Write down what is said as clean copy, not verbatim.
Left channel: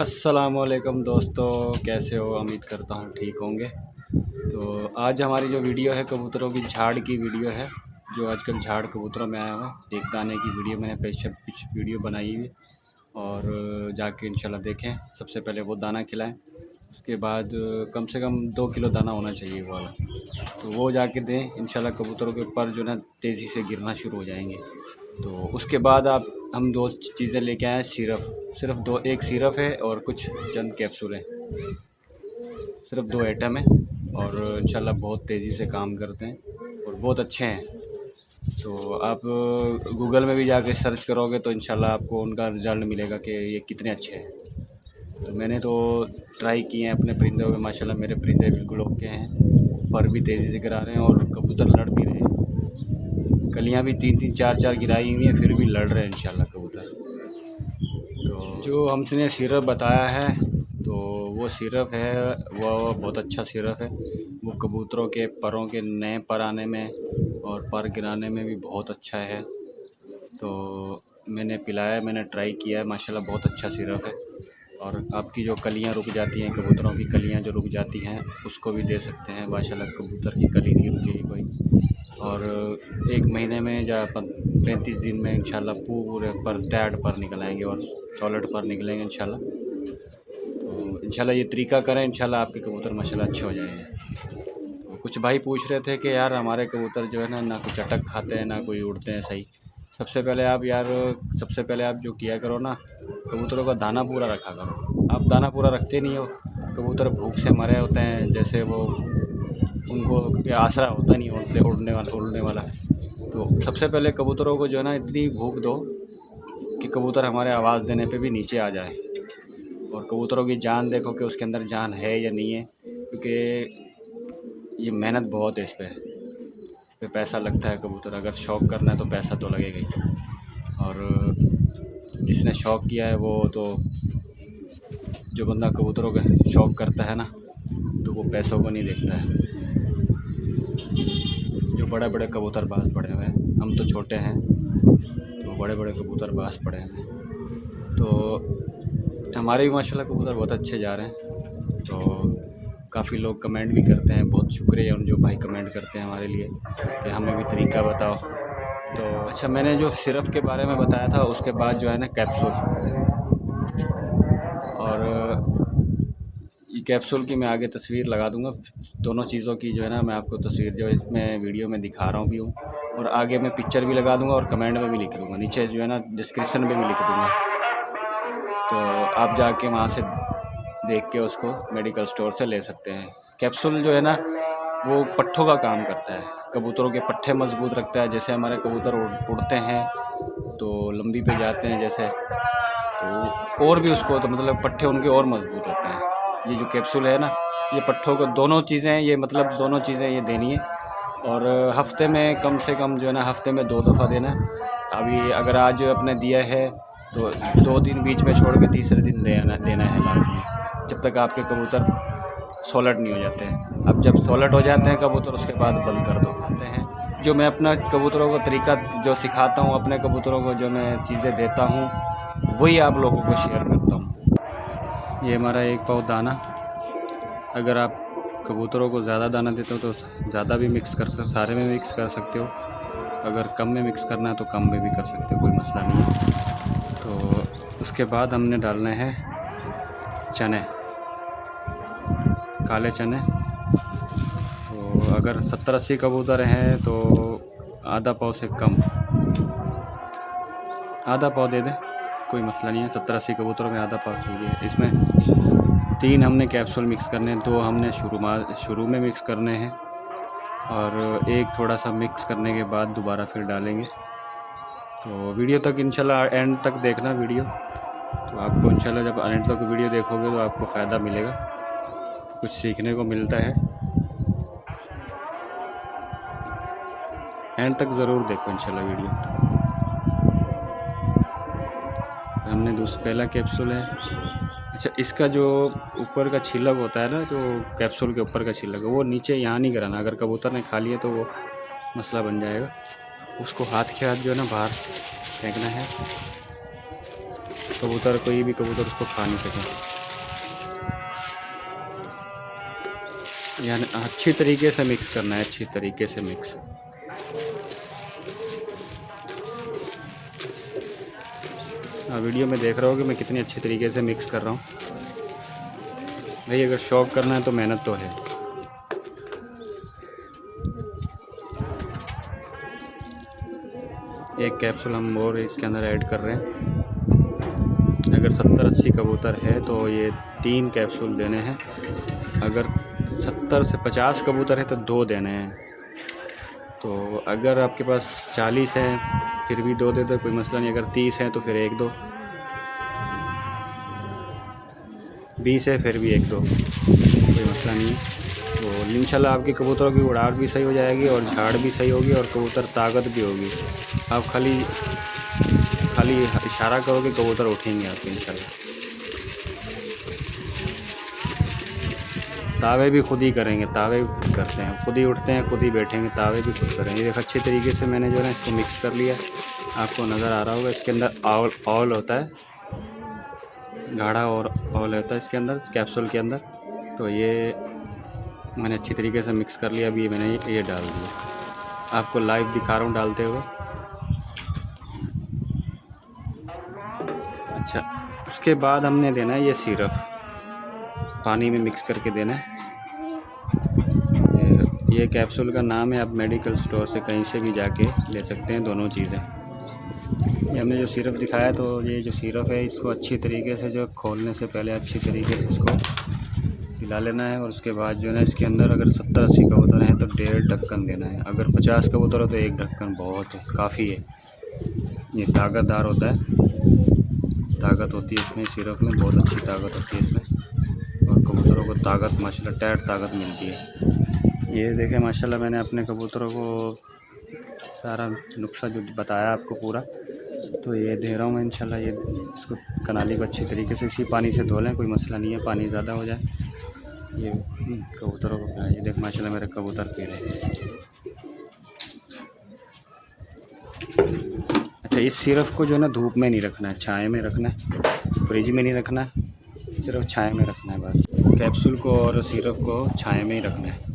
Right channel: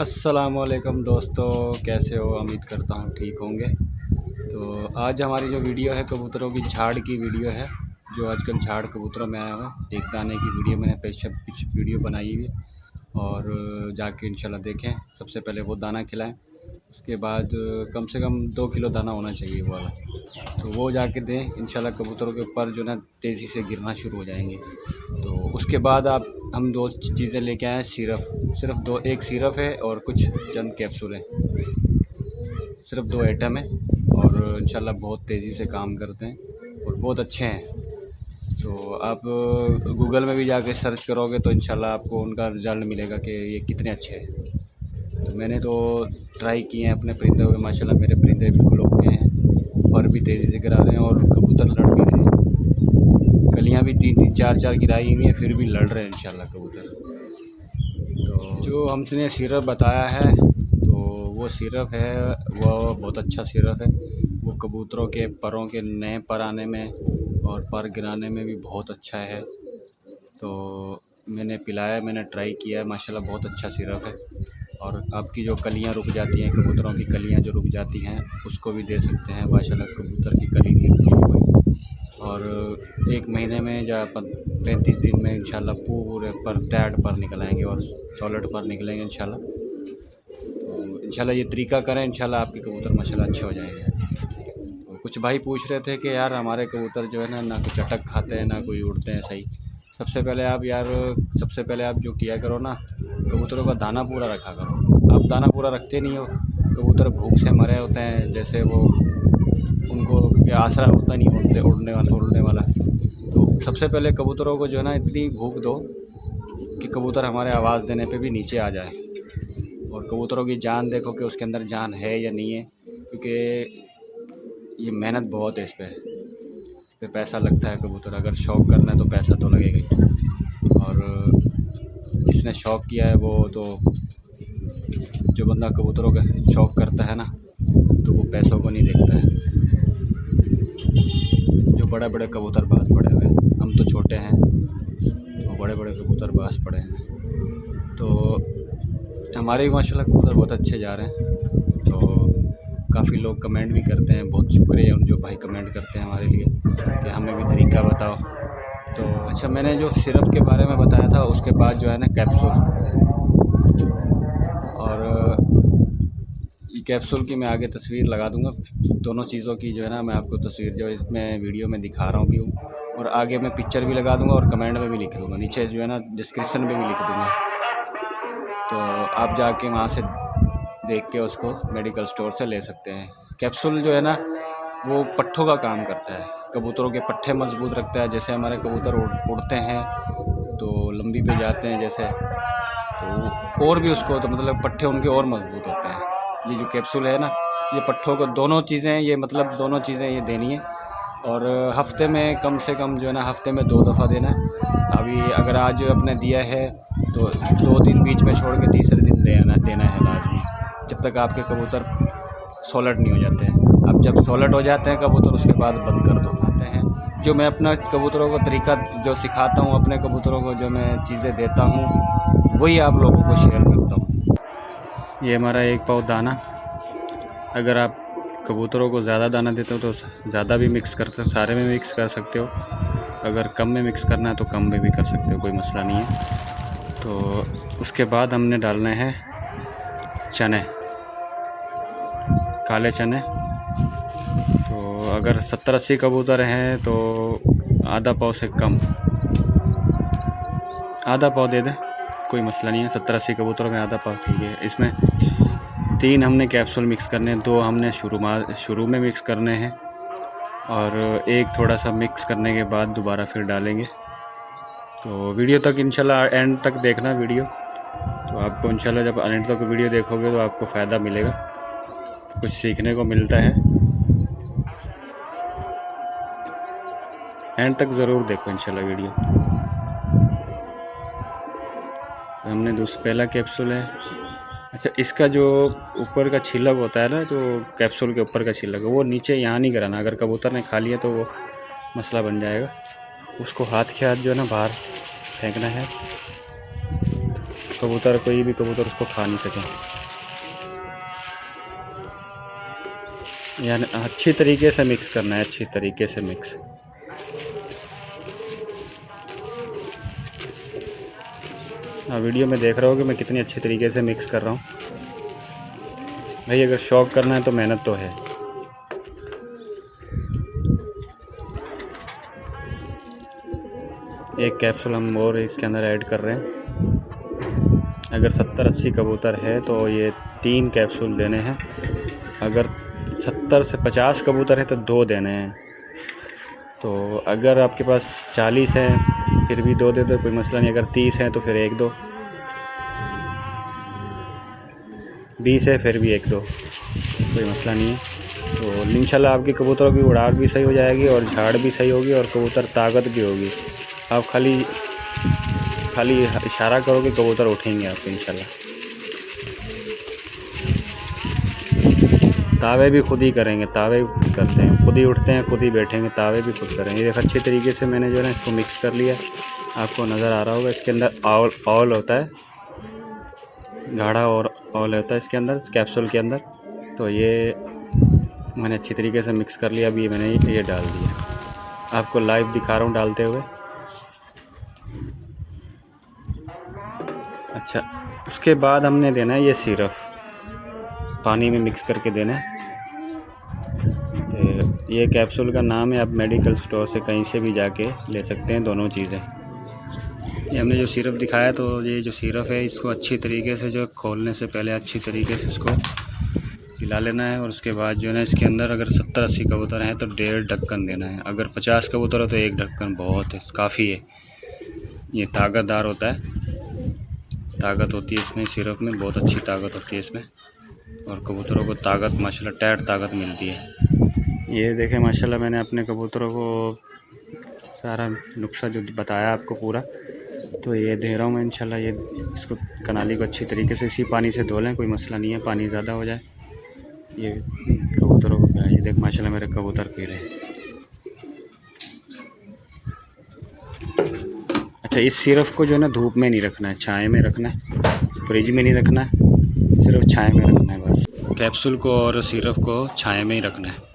अस्सलामुअलैकुम दोस्तों, कैसे हो? उम्मीद करता हूँ ठीक होंगे। तो आज हमारी जो वीडियो है कबूतरों की झाड़ की वीडियो है। जो आजकल झाड़ कबूतरों में आया हुआ है, एक दाने की वीडियो मैंने पिछ वीडियो बनाई हुई है और जाके इंशाल्लाह देखें। सबसे पहले वो दाना खिलाएं, उसके बाद कम से कम 2 किलो दाना होना चाहिए वो वाला, तो वो जाके दें। इंशाल्लाह कबूतरों के ऊपर जो ना तेज़ी से गिरना शुरू हो जाएंगे। तो उसके बाद हम 2 चीज़ें लेके आए हैं। सिर्फ दो, एक सिरप है और कुछ चंद कैप्सूल हैं। सिर्फ 2 आइटम है और इंशाल्लाह बहुत तेज़ी से काम करते हैं और बहुत अच्छे हैं। तो आप गूगल में भी जाके सर्च करोगे तो इंशाल्लाह आपको उनका रिज़ल्ट मिलेगा कि ये कितने अच्छे हैं। तो मैंने तो ट्राई किए हैं अपने परिंदों में, माशाल्लाह मेरे परिंदे बिल्कुल ओके हैं, पर भी तेज़ी से गिरा रहे हैं और कबूतर लड़ भी रहे हैं। कलियाँ भी 3-3 4-4 गिराई हुई हैं, फिर भी लड़ रहे हैं इंशाल्लाह कबूतर। तो जो हमने सिरप बताया है, तो वो सिरप है, वो बहुत अच्छा सिरप है। वो कबूतरों के परों के नए पर आने में और पर गिराने में भी बहुत अच्छा है। तो मैंने पिलाया, मैंने ट्राई किया है, माशाल्लाह बहुत अच्छा सिरप है। और आपकी जो कलियां रुक जाती हैं, कबूतरों की कलियां जो रुक जाती हैं, उसको भी दे सकते हैं। माशाल्लाह कबूतर की कली नहीं रुकेगी कोई। और 1 महीने में या 35 दिन में इंशाल्लाह पूरे पर टैड पर निकल आएंगे और सॉलिड पर निकलेंगे इंशाल्लाह। तो इंशाल्लाह ये तरीका करें, इंशाल्लाह आपके कबूतर माशाल्लाह अच्छे हो जाएंगे। तो कुछ भाई पूछ रहे थे कि यार हमारे कबूतर जो है ना कुछ अटक खाते हैं, ना कोई उड़ते हैं सही। सबसे पहले आप जो किया करो ना, कबूतरों का दाना पूरा रखा करो। आप दाना पूरा रखते नहीं हो, कबूतर भूख से मरे होते हैं, जैसे वो उनको क्योंकि आसरा होता नहीं उड़ने वाला। तो सबसे पहले कबूतरों को जो है ना इतनी भूख दो कि कबूतर हमारे आवाज़ देने पे भी नीचे आ जाए। और कबूतरों की जान देखो कि उसके अंदर जान है या नहीं है, क्योंकि ये मेहनत बहुत है इस पे पैसा लगता है। कबूतर अगर शौक़ करना है तो पैसा तो लगेगा ही। और जिसने शौक़ किया है वो तो, जो बंदा कबूतरों का शौक़ करता है ना, तो वो पैसों को नहीं देखता है। जो बड़े बड़े कबूतरबाज पड़े हुए हैं, हम तो छोटे हैं, तो बड़े बड़े कबूतरबाज पड़े हैं। तो हमारे भी माशाल्लाह कबूतर बहुत अच्छे जा रहे हैं। तो काफ़ी लोग कमेंट भी करते हैं, बहुत शुक्रिया उन जो भाई कमेंट करते हैं हमारे लिए कि हमें भी तरीका बताओ। तो अच्छा, मैंने जो सिरप के बारे में बताया था, उसके बाद जो है ना कैप्सूल, और ये कैप्सूल की मैं आगे तस्वीर लगा दूंगा। दोनों चीज़ों की जो है ना मैं आपको तस्वीर जो इसमें वीडियो में दिखा रहा हूँ भी हूँ, और आगे मैं पिक्चर भी लगा दूंगा और कमेंट में भी लिख दूंगा, नीचे जो है ना डिस्क्रिप्शन में भी लिख दूंगा। तो आप जाके वहाँ से देख के उसको मेडिकल स्टोर से ले सकते हैं। कैप्सूल जो है ना वो पट्ठों का काम करता है, कबूतरों के पट्ठे मजबूत रखता है। जैसे हमारे कबूतर उड़ते हैं तो लंबी पे जाते हैं जैसे, तो और भी उसको तो मतलब पट्ठे उनके और मजबूत होते हैं। ये जो कैप्सूल है ना, ये पट्ठों को दोनों चीज़ें, ये मतलब दोनों चीज़ें ये देनी है। और हफ्ते में कम से कम जो है ना हफ्ते में 2 दफ़ा देना है। अभी अगर आज अपने दिया है तो 2 दिन बीच में छोड़ के तीसरे दिन देना है लाजमी, जब तक आपके कबूतर सॉलिड नहीं हो जाते हैं। अब जब सॉलिड हो जाते हैं कबूतर, उसके बाद बंद कर दो। आते हैं जो मैं अपना कबूतरों को तरीका जो सिखाता हूँ, अपने कबूतरों को जो मैं चीज़ें देता हूँ, वही आप लोगों को शेयर करता हूँ। ये हमारा 1 पाव दाना। अगर आप कबूतरों को ज़्यादा दाना देते हो तो ज़्यादा भी मिक्स कर सकते, सारे में मिक्स कर सकते हो। अगर कम में मिक्स करना है तो कम में भी कर सकते हो, कोई मसला नहीं है। तो उसके बाद हमने डालने हैं चने, काले चने। तो अगर 70-80 कबूतर हैं तो आधा पाव से कम, आधा पाव दे दें, कोई मसला नहीं है। 70-80 कबूतरों में आधा पाव ठीक है। इसमें 3 हमने कैप्सूल मिक्स करने हैं, 2 हमने शुरू में मिक्स करने हैं, और 1 थोड़ा सा मिक्स करने के बाद दोबारा फिर डालेंगे। तो वीडियो तक इंशाल्लाह एंड तक देखना वीडियो, तो आपको इंशाल्लाह जब एंड तक वीडियो देखोगे तो आपको फ़ायदा मिलेगा, कुछ सीखने को मिलता है। एंड तक ज़रूर देखो इंशाल्लाह वीडियो। हमने पहला कैप्सूल है। अच्छा, इसका जो ऊपर का छिलक होता है ना, तो कैप्सूल के ऊपर का छिलक, वो नीचे यहाँ नहीं गिराना। अगर कबूतर ने खा लिया तो वो मसला बन जाएगा। उसको हाथ के हाथ जो है ना बाहर फेंकना है। कबूतर कोई भी कबूतर उसको खा नहीं सके। यानी अच्छी तरीके से मिक्स करना है, अच्छी तरीके से मिक्स। वीडियो में देख रहे हो कि मैं कितनी अच्छी तरीके से मिक्स कर रहा हूँ। भाई अगर शौक करना है तो मेहनत तो है। एक कैप्सूल हम और इसके अंदर ऐड कर रहे हैं। अगर 70-80 कबूतर है तो ये 3 कैप्सूल देने हैं। अगर 70 से 50 कबूतर है तो 2 देने हैं। तो अगर आपके पास 40 है फिर भी 2 दे दो, कोई मसला नहीं। अगर 30 है तो फिर 1 दो, 20 है फिर भी 1 दो, कोई मसला नहीं है। तो इंशाल्लाह आपके कबूतरों की उड़ान भी सही हो जाएगी और झाड़ भी सही होगी और कबूतर ताकत भी होगी। आप खाली इशारा करोगे कबूतर उठेंगे आपके इंशाल्लाह। तावे भी खुद ही करेंगे, तावे करते हैं खुद ही, उठते हैं खुद ही, बैठेंगे, तावे भी खुद करेंगे। ये अच्छी तरीके से मैंने जो है इसको मिक्स कर लिया। आपको नज़र आ रहा होगा इसके अंदर ऑयल होता है, गाढ़ा और ऑयल होता है इसके अंदर कैप्सूल के अंदर। तो ये मैंने अच्छी तरीके से मिक्स कर लिया। अभी मैंने ये डाल दिया, आपको लाइव दिखा रहा हूँ डालते हुए। अच्छा, उसके बाद हमने देना है ये सिरप, पानी में मिक्स करके देना है। ये कैप्सूल का नाम है, आप मेडिकल स्टोर से कहीं से भी जाके ले सकते हैं, दोनों चीज़ें। ये हमने जो सिरप दिखाया, तो ये जो सिरप है इसको अच्छी तरीके से जो खोलने से पहले अच्छी तरीके से इसको पिला लेना है। और उसके बाद जो है ना इसके अंदर अगर 70-80 कबूतर हैं तो 1.5 ढक्कन देना है। अगर 50 कबूतर हो तो 1 ढक्कन बहुत है, काफ़ी है। ये ताकतदार होता है, ताकत होती है इसमें, सिरप में बहुत अच्छी ताकत होती है इसमें। और कबूतरों को ताकत माशाल्लाह टाइट ताकत मिलती है। ये देखें माशाल्लाह मैंने अपने कबूतरों को सारा नुस्खा जो बताया आपको पूरा, तो ये दे रहा हूँ मैं इंशाल्लाह। ये इसको कनाली को अच्छी तरीके से इसी पानी से धो लें, कोई मसला नहीं है, पानी ज़्यादा हो जाए। ये कबूतरों को पिलाएं। ये देख माशाल्लाह मेरे कबूतर पी रहे हैं। अच्छा, इस सिरप को जो है ना धूप में नहीं रखना है, छाए में रखना है, फ्रिज में नहीं रखना है, सिर्फ छाए में रखना है बस। कैप्सूल को और सिरप को छाए में ही रखना है।